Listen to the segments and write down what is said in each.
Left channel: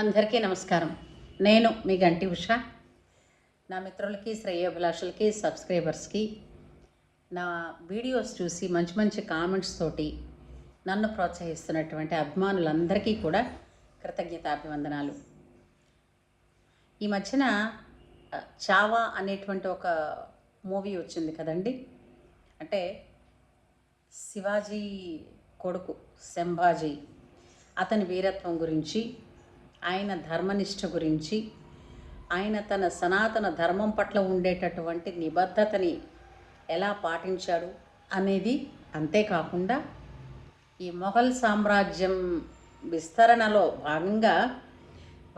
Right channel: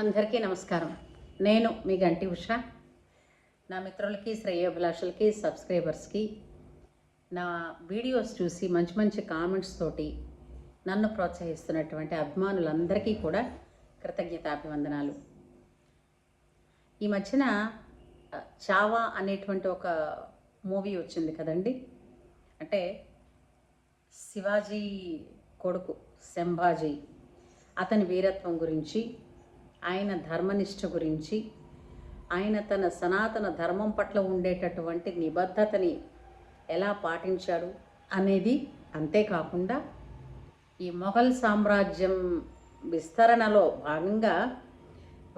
అందరికీ నమస్కారం. నేను మీ గంటి ఉష. నా మిత్రులకి, శ్రేయోభిలాషులకి, సబ్స్క్రైబర్స్కి నా వీడియోస్ చూసి మంచి మంచి కామెంట్స్ తోటి నన్ను ప్రోత్సహిస్తున్నటువంటి అభిమానులందరికీ కూడా కృతజ్ఞతాభివందనాలు. ఈ మధ్యన చావా అనేటువంటి ఒక మూవీ వచ్చింది కదండి. అంటే శివాజీ కొడుకు సంభాజీ, అతని వీరత్వం గురించి, ఆయన ధర్మనిష్ట గురించి, ఆయన తన సనాతన ధర్మం పట్ల ఉండేటటువంటి నిబద్ధతని ఎలా పాటించాడు అనేది, అంతేకాకుండా ఈ మొఘల్ సామ్రాజ్యం విస్తరణలో భాగంగా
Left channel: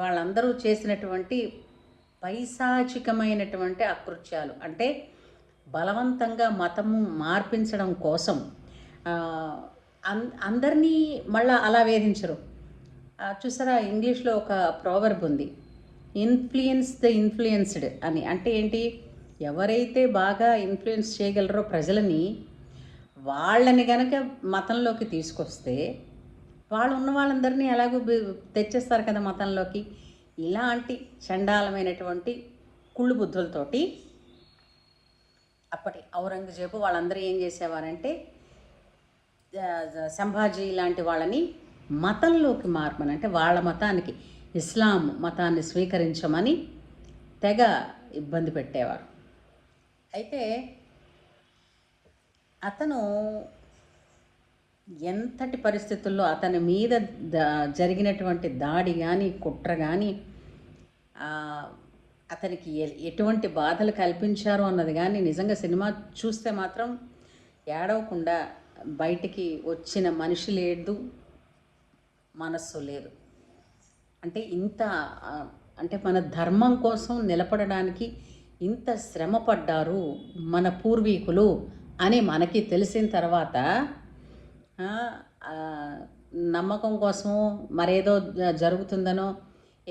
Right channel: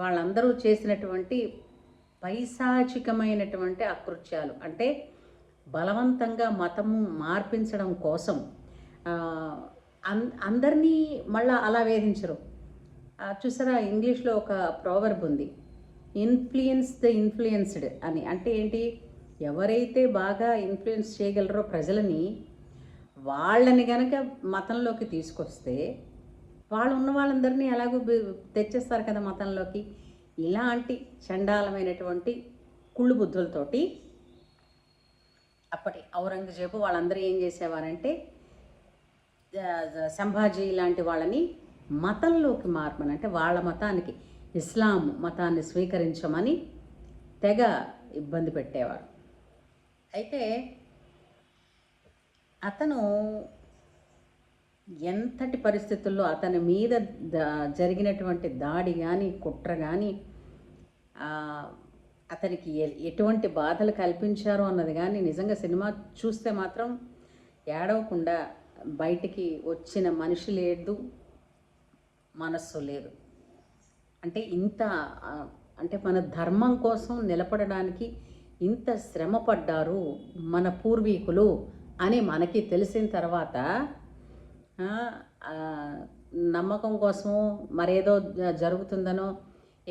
వాళ్ళందరూ చేసినటువంటి పైశాచికమైనటువంటి అకృత్యాలు, అంటే బలవంతంగా మతము మార్పించడం కోసం అందరినీ మళ్ళా అలా వేధించరు. చూసారా, ఇంగ్లీష్లో ఒక ప్రోవర్బ్ ఉంది, ఇన్ఫ్లుయెన్స్ ద ఇన్ఫ్లుయెన్స్డ్ అని. అంటే ఏంటి, ఎవరైతే బాగా ఇన్ఫ్లుయెన్స్ చేయగలరో ప్రజలని, వాళ్ళని కనుక మతంలోకి తీసుకొస్తే వాళ్ళు ఉన్న వాళ్ళందరినీ ఎలాగో తెచ్చేస్తారు కదా మతంలోకి. ఇలాంటి చండాలమైనటువంటి కుళ్ళు బుద్ధులతోటి అప్పటి ఔరంగజేబు వాళ్ళందరూ ఏం చేసేవారంటే, సంభాజీ లాంటి వాళ్ళని మతంలోకి మార్పని, అంటే వాళ్ళ మతానికి, ఇస్లాం మతాన్ని స్వీకరించమని తెగ ఇబ్బంది పెట్టేవారు. అయితే అతను ఎంతటి పరిస్థితుల్లో అతని మీద జరిగినటువంటి దాడి కానీ, కుట్ర కానీ, అతనికి ఎటువంటి బాధలు కల్పించారు అన్నది కానీ నిజంగా సినిమా చూస్తే మాత్రం ఏడవకుండా బయటికి వచ్చిన మనిషి లేదు, మనస్సు లేదు. అంటే ఇంత, అంటే మన ధర్మం కోసం నిలబడడానికి ఇంత శ్రమ పడ్డారు మన పూర్వీకులు అని మనకి తెలిసిన తర్వాత నమ్మకం కోసమో మరేదో జరుగుతుందనో,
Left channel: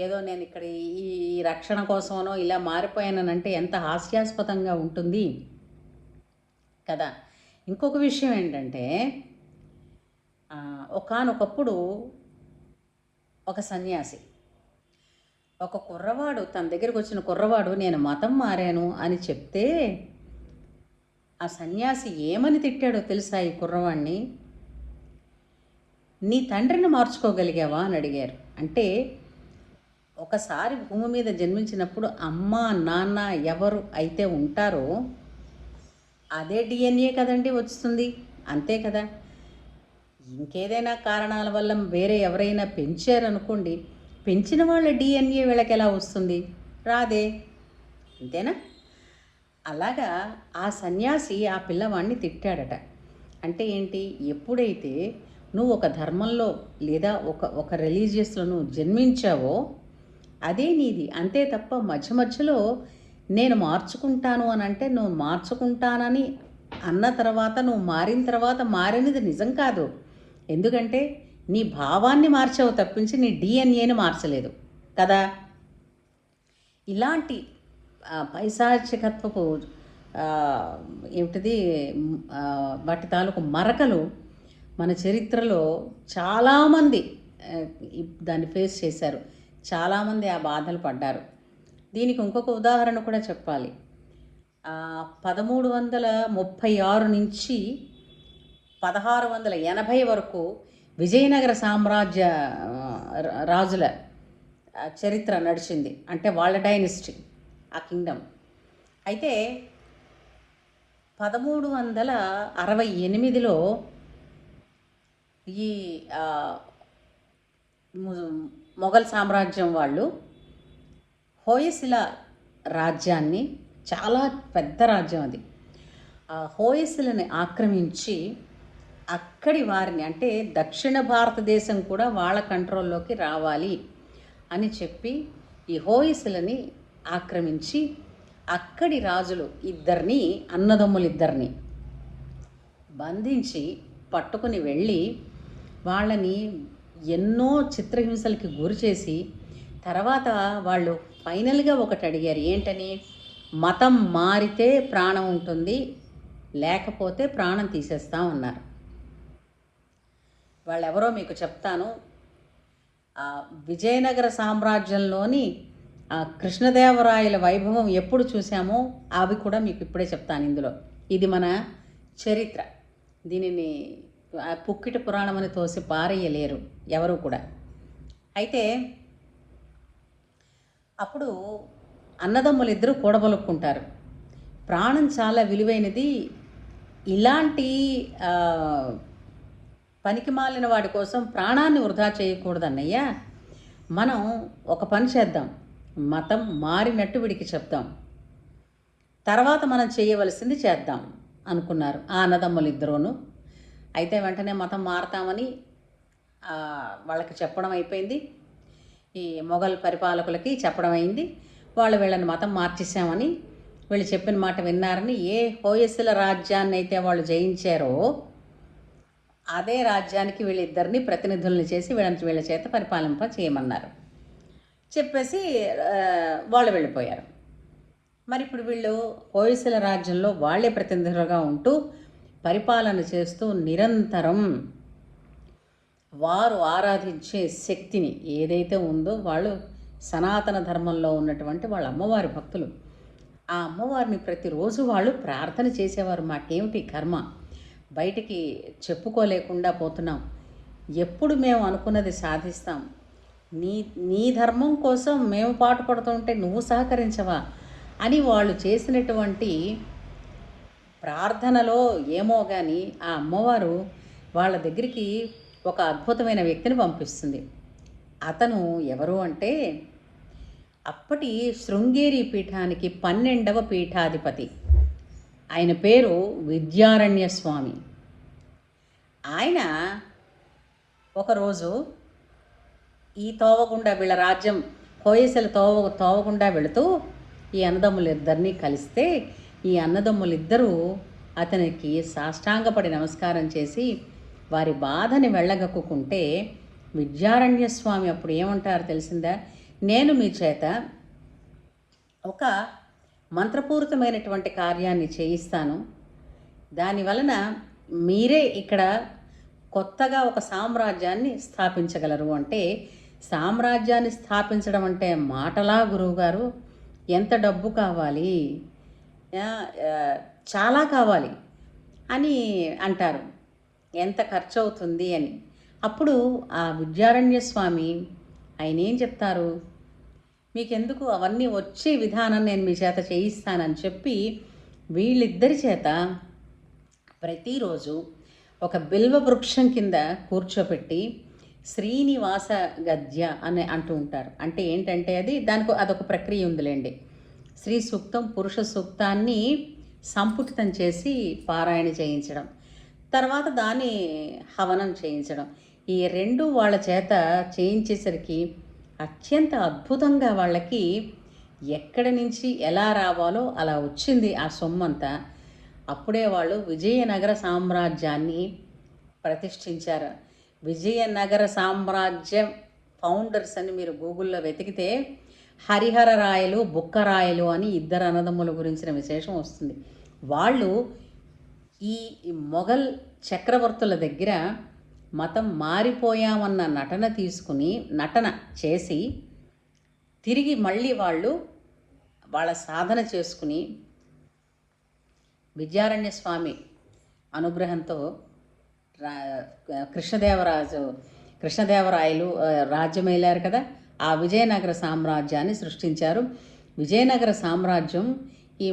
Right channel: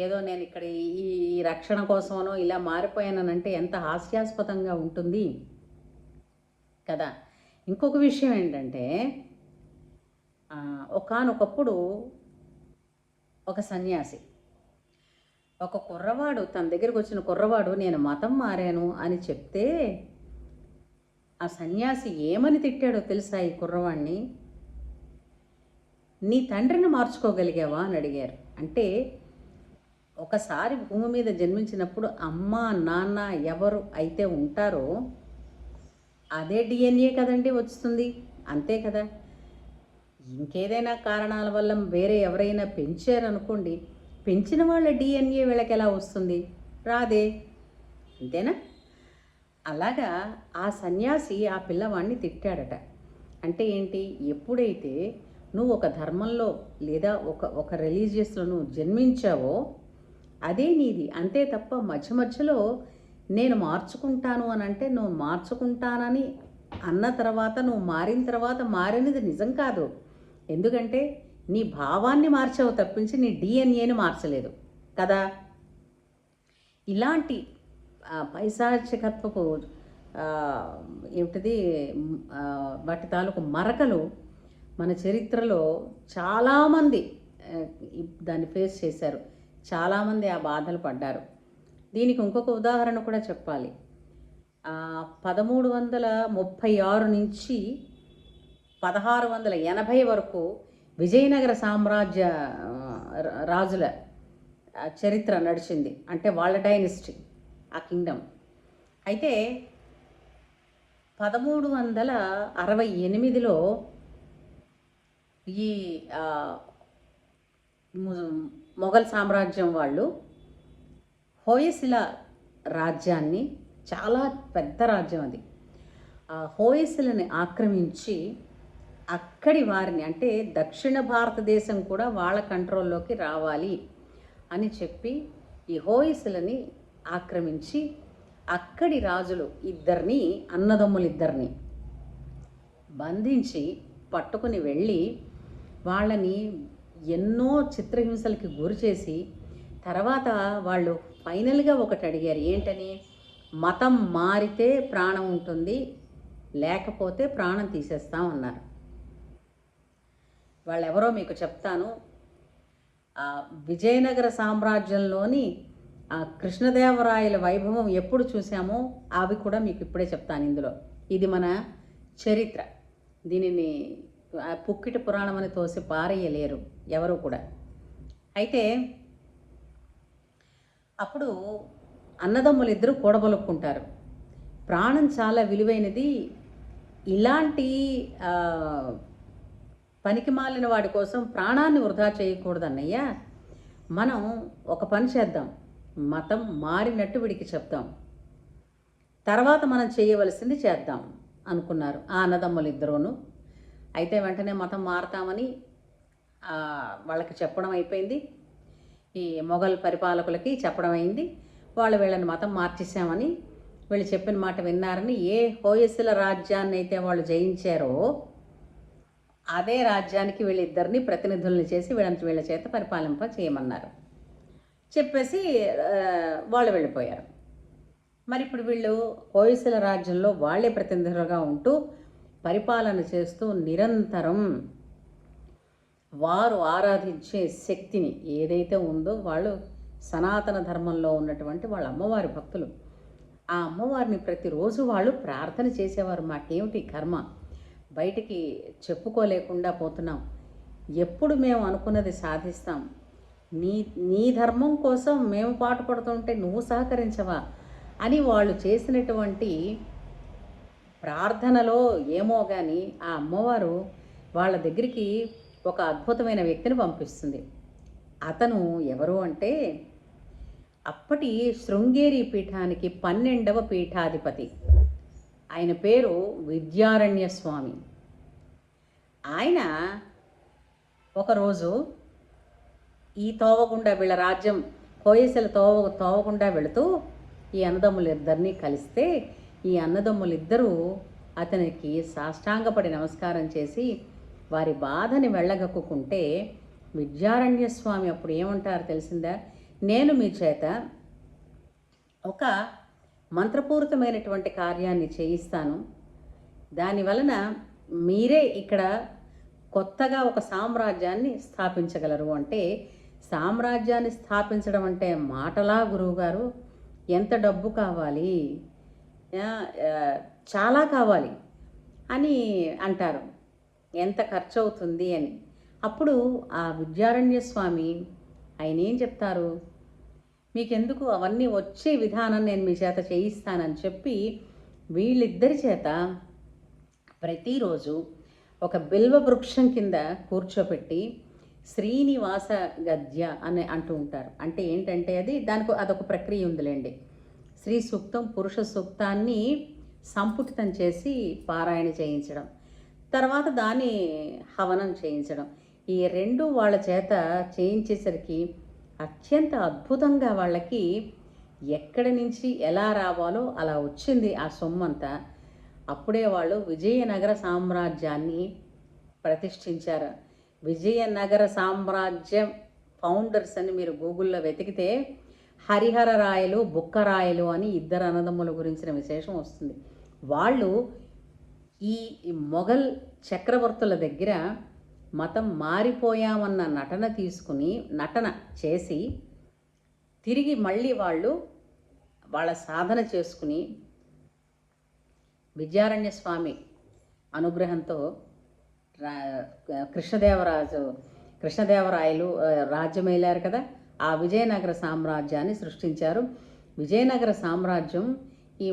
ఏదో నేను ఇక్కడ ఈ రక్షణ కోసమనో ఇలా మారిపోయానంటే ఎంత హాస్యాస్పదంగా ఉంటుంది కదా. ఇంకొక విషయం ఏంటంటే, ఒకానొకప్పుడు ఒక సన్యాసి, ఒక కుర్రవాడు, తన దగ్గరికి వచ్చిన కుర్రవాడు నేను మతం మారాను అని చెప్తే ఆ సన్యాసి ఏమని తిట్టాడో తెలుసా ఈ కుర్రవాడిని? నీ తండ్రిని మార్చుకోగలిగావా అని అడిగారు. అంటే ఒకసారి భూమి మీద జన్మించినప్పుడు అమ్మ నాన్న ఎవరు అయితే ఉంటారో అదే డిఎన్ఏ కదండి వస్తుంది, అంతే కదా. ఇంకేదైనా కారణాల వల్ల వేరే ఎవరైనా పెంచారనుకోండి, పెంచిన వాళ్ళ డిఎన్ఏ వీళ్ళకి ఎలా వస్తుంది? రాదే, అంతేనా? అలాగా ఆ సన్యాసి ఆ పిల్లవాడిని తిట్టాడట. అంటే ఏంటి, ఎప్పుడైతే నువ్వు ఒక ధర్మంలో లేదా ఒక రిలీజియస్లో నువ్వు జన్మించావో అదే నీది, అంతే తప్ప మధ్య మధ్యలో నేను మార్చుకుంటాను అని అంటే, నువ్వు మార్చుకుంటానని అన్న తర్వాత, నువ్వు మారిన తర్వాత మారినది నిజం కాదు. ఎందుకంటే నీ భావాన్ని మార్చావు తప్పించి నీ డిఎన్ఏని మార్చలేదు కదా. ఇలాంటి పైశాచికత్వపు ఏమిటిది వాటి తాలూకు మరకలు మన చరిత్రలో చాలామంది దాన్ని ఫేస్ చేశారు, చాలామంది ఆ బాధలు పడ్డారు. దీనికి ఇంకొక ఉదాహరణ కూడా చెప్పాలి. 1336 నుంచి 1680 వరకు విజయనగర సామ్రాజ్య రాజుల చరిత్ర నడిచింది, అంటే వాళ్ళ డైనస్టీ, ఆ కింగ్డమ్. అయితే 1368లో ఈ మొఘల్ సామ్రాజ్యం వాళ్ళు హోయసిల రాజ్యాన్ని, చాలా పెద్ద రాజ్యం అది, హోయసిలని ఆక్రమించి అక్కడి వారిని, అంటే దక్షిణ భారతదేశం కూడా వాళ్ళ కంట్రోల్లోకి రావాలి అని చెప్పి ఈ హోయసిలని ఆక్రమించి అక్కడి రాజులు ఇద్దరిని, అన్నదమ్ములిద్దరిని బంధించి పట్టుకుని వెళ్ళి వాళ్ళని ఎన్నో చిత్రహింసలకి గురి చేసి, తర్వాత వాళ్ళు ఫైనల్గా ఒకటి అడిగారు. ఏంటని? మతం మారితే ప్రాణం ఉంటుంది, లేకపోతే ప్రాణం తీసేస్తా ఉన్నారు. వాళ్ళెవరో మీకు చెప్తాను. విజయనగర సామ్రాజ్యంలోని కృష్ణదేవరాయల వైభవం ఎప్పుడు చూసామో అవి కూడా మీకు ఇప్పుడే చెప్తాను ఇందులో. ఇది మన చరిత్ర. దీనిని పుక్కిట పురాణం అని తోసి పారేయలేరు ఎవరు కూడా. అయితే అప్పుడు అన్నదమ్ములు ఇద్దరు కూడబలుక్కుంటారు. ప్రాణం చాలా విలువైనది, ఇలాంటి పనికి మాలిన వాడి కోసం ప్రాణాన్ని వృధా చేయకూడదన్నయ్య. మనం ఒక పని చేద్దాం, మతం మారినట్టు వీడికి చెప్దాం, తర్వాత మనం చేయవలసింది చేద్దాం అనుకున్నారు ఆ అన్నదమ్ములు ఇద్దరూను. అయితే వెంటనే మతం మారతామని వాళ్ళకి చెప్పడం అయిపోయింది. ఈ మొఘల్ పరిపాలకులకి చెప్పడం అయింది. వాళ్ళు వీళ్ళని మతం మార్చేసామని, వీళ్ళు చెప్పిన మాట విన్నారని, ఏ హోయసల రాజ్యాన్ని అయితే వాళ్ళు జయించారో అదే రాజ్యానికి వీళ్ళిద్దరిని ప్రతినిధుల్ని చేసి వీళ్ళ చేత పరిపాలింప చేయమన్నారు. చెప్పేసి వాళ్ళు వెళ్ళిపోయారు. మరి ఇప్పుడు వీళ్ళు హోయసల రాజ్యంలో వాళ్ళే ప్రతినిధులుగా ఉంటూ పరిపాలన చేస్తూ నిరంతరం వారు ఆరాధించే శక్తిని ఏదైతే ఉందో, వాళ్ళు సనాతన ధర్మంలో ఉన్నటువంటి వాళ్ళ అమ్మవారి భక్తులు, ఆ అమ్మవారిని ప్రతిరోజు వాళ్ళు ప్రార్థన చేసేవారు. మాకేమిటి కర్మ, బయటికి చెప్పుకోలేకుండా పోతున్నాం, ఎప్పుడు మేము అనుకున్నది సాధిస్తాం, నీ ధర్మం కోసం మేము పాటుపడుతుంటే నువ్వు సహకరించవా అని వాళ్ళు చేసినటువంటి ప్రార్థనలో ఏమో కానీ ఆ అమ్మవారు వాళ్ళ దగ్గరికి ఒక అద్భుతమైన వ్యక్తిని పంపిస్తుంది. అతను ఎవరు అంటే అప్పటి శృంగేరి పీఠానికి 12వ పీఠాధిపతి. ఆయన పేరు విద్యారణ్య స్వామి. ఆయన ఒకరోజు ఈ తోవగుండా వీళ్ళ రాజ్యం హోయసల తోవగుండా వెళుతూ ఈ అన్నదమ్ములిద్దరినీ కలిస్తే, ఈ అన్నదమ్ములిద్దరూ అతనికి సాష్టాంగపడి నమస్కారం చేసి వారి బాధని వెళ్ళగక్కుకుంటే, విద్యారణ్య స్వామి అప్పుడు ఏమంటారు తెలిసిందా, నేను మీ చేత ఒక మంత్రపూరితమైనటువంటి కార్యాన్ని చేయిస్తాను, దానివలన మీరే ఇక్కడ కొత్తగా ఒక సామ్రాజ్యాన్ని స్థాపించగలరు. అంటే సామ్రాజ్యాన్ని స్థాపించడం అంటే మాటలా గురువుగారు, ఎంత డబ్బు కావాలి, చాలా కావాలి అని అంటారు, ఎంత ఖర్చు అవుతుంది అని. అప్పుడు ఆ విద్యారణ్య స్వామి ఆయన ఏం చెప్తారు, మీకెందుకు, అవన్నీ వచ్చే విధానం నేను మీ చేత చేయిస్తానని చెప్పి వీళ్ళిద్దరి చేత ప్రతిరోజు ఒక బిల్వ వృక్షం కింద కూర్చోపెట్టి శ్రీనివాస గద్య అని అంటూ ఉంటారు. అంటే ఏంటంటే అదొక ప్రక్రియ ఉందిలేండి. శ్రీ సూక్తం, పురుష సూక్తాన్ని సంపుటితం చేసి పారాయణ చేయించడం, తర్వాత దాన్ని హవనం చేయించడం, ఈ రెండు వాళ్ళ చేత చేయించేసరికి అత్యంత అద్భుతంగా వాళ్ళకి ఎక్కడి నుంచి ఎలా రావాలో అలా వచ్చింది ఆ సొమ్మంతా. అప్పుడే వాళ్ళు విజయనగర సామ్రాజ్యాన్ని ప్రతిష్ఠించారు. విజయనగర సామ్రాజ్యం ఫౌండర్స్ అని మీరు గూగుల్లో వెతికితే హరిహర రాయలు, బుక్కరాయలు అని ఇద్దరు అన్నదమ్ముల గురించిన విశేషం వస్తుంది. వాళ్ళు ఈ మొఘల్ చక్రవర్తుల దగ్గర మతం మారిపోయామన్న నటన చేసి తిరిగి మళ్ళీ వాళ్ళ సాధన చేసుకుని విద్యారణ్య స్వామి అనుగ్రహంతో కృష్ణదేవరాయలు రాజ్యమేలారు కదా, ఆ విజయనగర సామ్రాజ్యాన్ని సృష్టించారు. విజయనగర సామ్రాజ్యం ఈ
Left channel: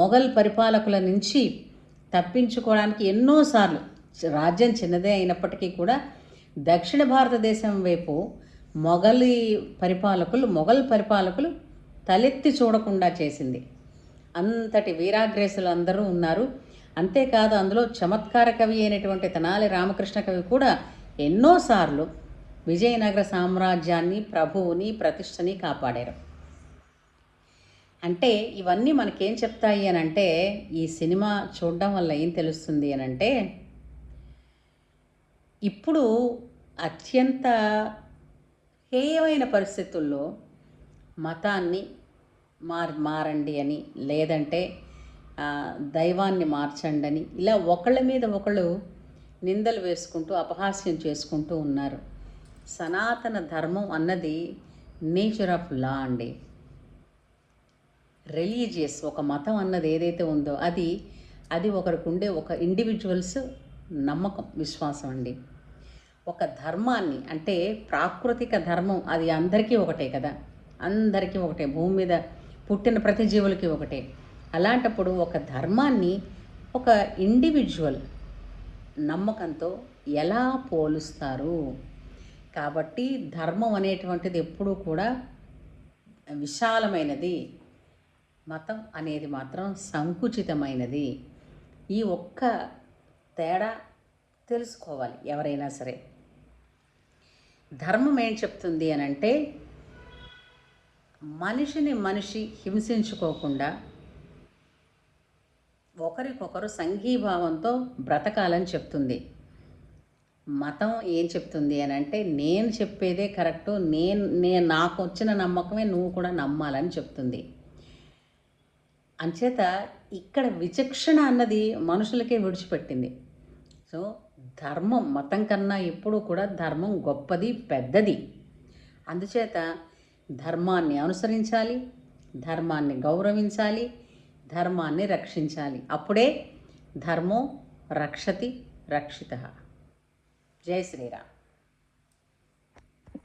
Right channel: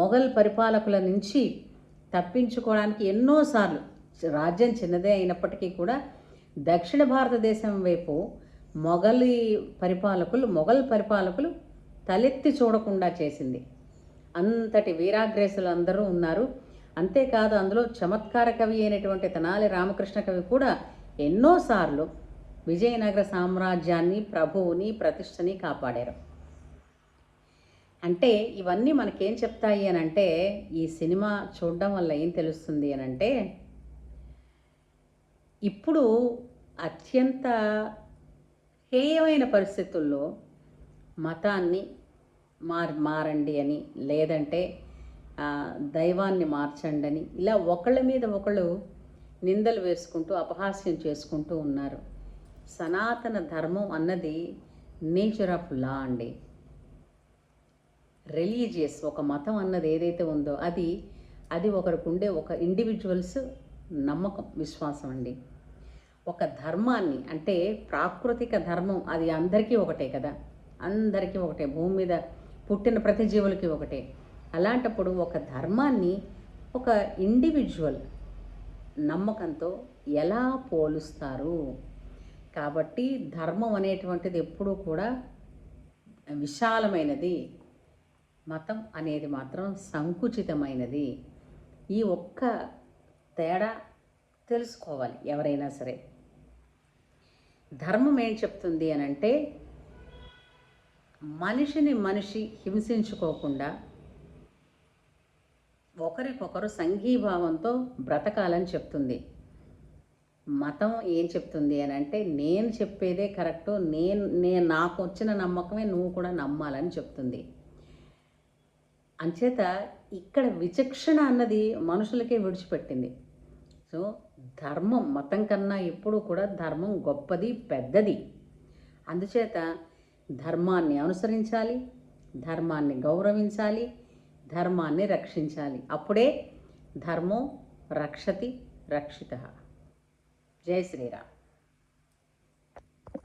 మొఘల్ పరిపాలకుల నుంచి తప్పించుకోవడానికి ఎన్నోసార్లు, రాజ్యం చిన్నదే అయినప్పటికీ కూడా దక్షిణ భారతదేశం వైపు మొఘల్ పరిపాలకులు తలెత్తి చూడకుండా చేసింది. అంతటి వీరాగ్రేసులు అందరూ ఉన్నారు. అంతేకాదు అందులో చమత్కార కవి అయినటువంటి తెనాలి రామకృష్ణ కవి కూడా ఎన్నోసార్లు విజయనగర సామ్రాజ్యాన్ని, ప్రభువుని, ప్రతిష్టని కాపాడారు. అంటే ఇవన్నీ మనకేం చెప్తాయి అని అంటే, ఈ సినిమా చూడడం వల్ల ఏం తెలుస్తుంది అని అంటే, ఇప్పుడు అత్యంత హేయమైన పరిస్థితుల్లో మతాన్ని మారండి అని, లేదంటే దైవాన్ని మార్చండి అని, ఇలా ఒకళ్ళ మీద ఒకళ్ళు నిందలు వేసుకుంటూ అపహాస్యం చేసుకుంటూ ఉన్నారు. సనాతన ధర్మం అన్నది నేచర్ ఆఫ్ లా అండి. రిలీజియస్ ఒక మతం అన్నది ఏదైతే ఉందో అది ఒకరికి ఉండే ఒక ఇండివిజువల్స్ నమ్మకం, విశ్వాసం అండి. ఒక ధర్మాన్ని అంటే ప్రాకృతిక ధర్మం అది అందరికీ ఒకటే కదా, అందరికీ ఒకటే, భూమి మీద పుట్టిన ప్రతి జీవులకి ఒకటే. అలాంటప్పుడు ఒక ధర్మాన్ని ఒక ఇండివిజువల్ నమ్మకంతో ఎలా పోలుస్తారు? కాబట్టి ధర్మం అనేటువంటిది ఎప్పుడూ కూడా విశాలమైనది, మతం అనేది మాత్రం సంకుచితమైనది. ఈ ఒక్క తేడా తెలుసుకోవాలి ఎవరైనా సరే. ధర్మం ఏం చెప్తుంది అని అంటే మనిషిని మనిషి హింసించుకోకుండా ఒకరికొకరు సంఘీభావంతో బ్రతకాలని చెప్తుంది. మతం ఏం చెప్తుంది అని అంటే నేను చెప్పేదే కరెక్టు, నేను నాకు వచ్చిన నమ్మకమే నువ్వు కూడా నమ్మాలని చెప్తుంది. అంచేత ఇక్కడ విచక్షణ అన్నది మనుషులకే విడిచిపెట్టింది. సో ధర్మం మతం కన్నా ఎప్పుడూ కూడా ధర్మం గొప్పది, పెద్దది. అందుచేత ధర్మాన్ని అనుసరించాలి, ధర్మాన్ని గౌరవించాలి, ధర్మాన్ని రక్షించాలి. అప్పుడే ధర్మో రక్షతి రక్షితః. జై శ్రీరామ్.